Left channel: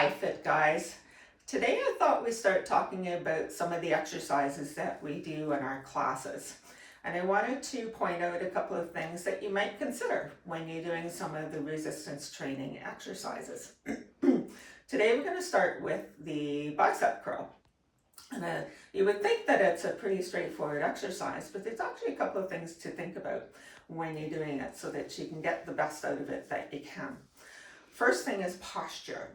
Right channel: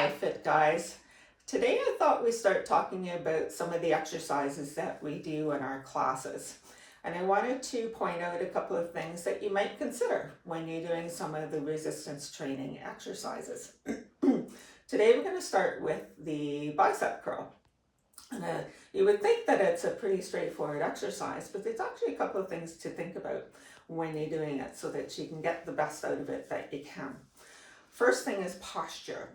Hi, Fit Guys. Today I thought we'd start talking about some of the exercises that we do in our classes. And I wanted to point out a couple of things that you might consider when you're doing some of the resistance training exercises. Today we're going to start with the bicep curl. And you would think that it's a pretty straightforward exercise, but there's actually a couple of things to think about when you're doing it so that you can get the best out of it that you can. First thing is posture.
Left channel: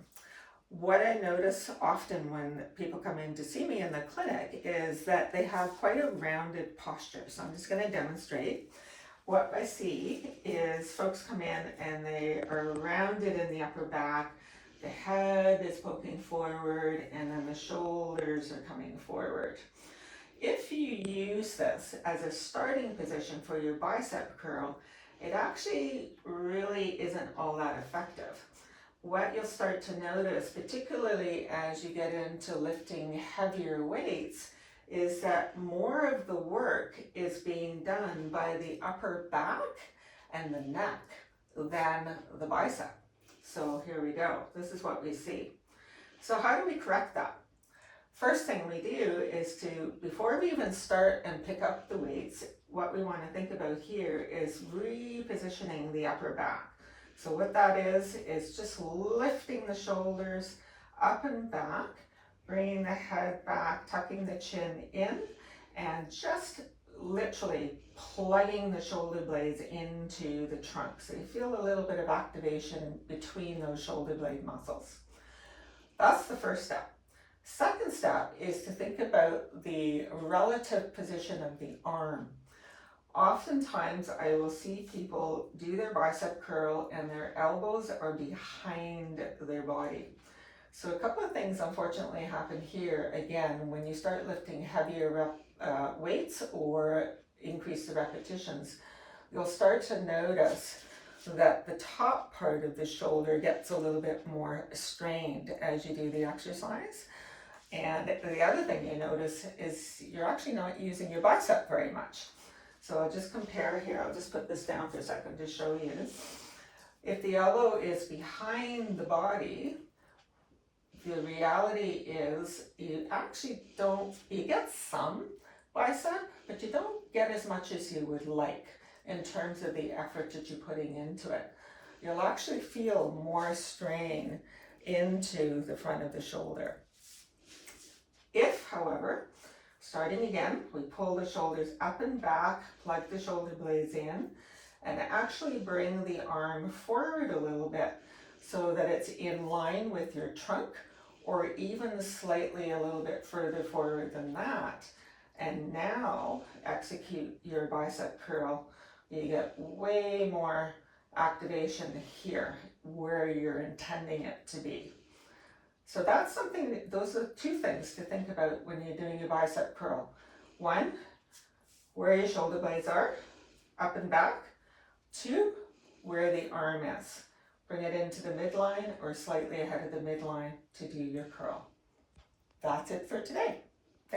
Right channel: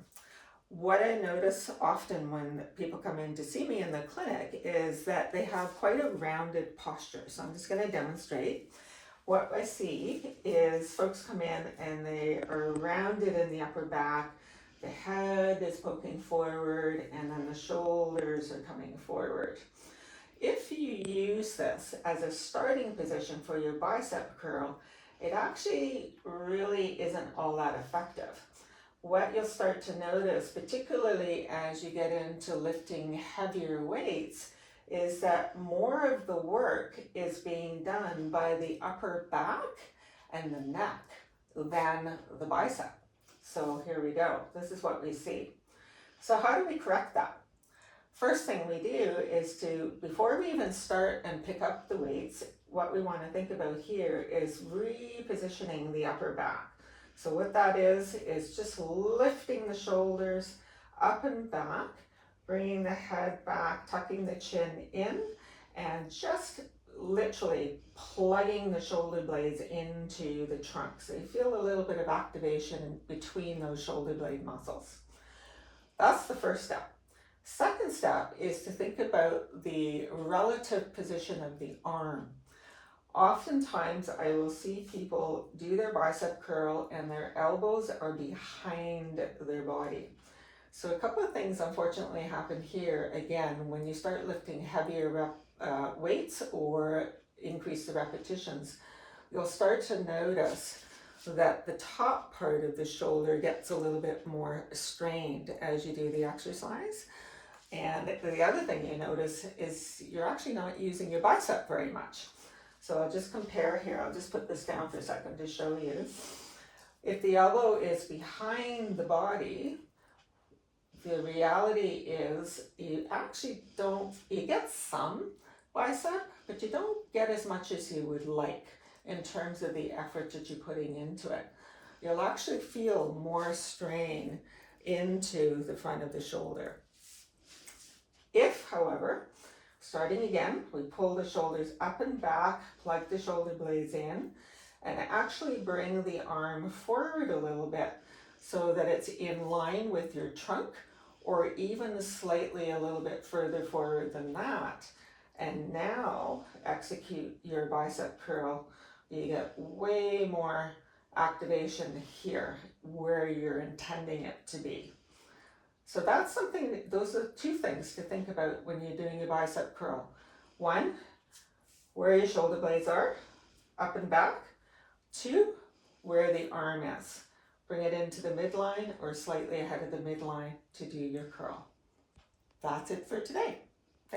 What I notice often when people come in to see me in the clinic is that they have quite a rounded posture. So I'm just going to demonstrate. What I see is folks come in and they are rounded in the upper back. The head is poking forward and then the shoulders are coming forward. If you use this as a starting position for your bicep curl, it actually really isn't all that effective. What you'll start to notice, particularly as you get into lifting heavier weights, is that more of the work is being done by the upper back and the neck than the bicep. So here we go. This is what we see. So how do we correct that? First thing we do is before we even start and pick up the weights, what we want to think about here is repositioning the upper back. So what that is just lifting the shoulders up and back, bringing the head back, tucking the chin in, and just literally plugging the shoulder blades into the trunk. So you feel a little bit of activation between those shoulder blade muscles. That's the first step. Second step is to think about the relative position of the arm. Oftentimes I will see people do their bicep curl and their elbows are behind their body. So a couple of things unfortunately happen here. Again, when you start lifting heavier weights or increase the repetitions, you'll start to notice that the top part of the shoulder gets a little bit more strained as you do the exercise. And the other thing you notice is you're actually not using your bicep very much. So I'll just compare here. I'll just put this down for a second to show you. If the elbow is behind the body, the reality is you actually you get some bicep, but you don't get as much as you would like in terms of the effort that you're putting into it. You'll actually feel more strain into the front of the shoulder. If, however, starting again, we pull the shoulders up and back, plug the shoulder blades in, and actually bring the arm forward a little bit so that it's in line with your trunk, or even slightly a little bit further forward than that. And now execute your bicep curl. You get way more activation here where you're intending it to be. So that's something, those are two things to think about when you're doing your bicep curl. One, where your shoulder blades are, up and back. Two, where the arm is. Bring it into the midline or slightly ahead of the midline to do your curl. That's it for today.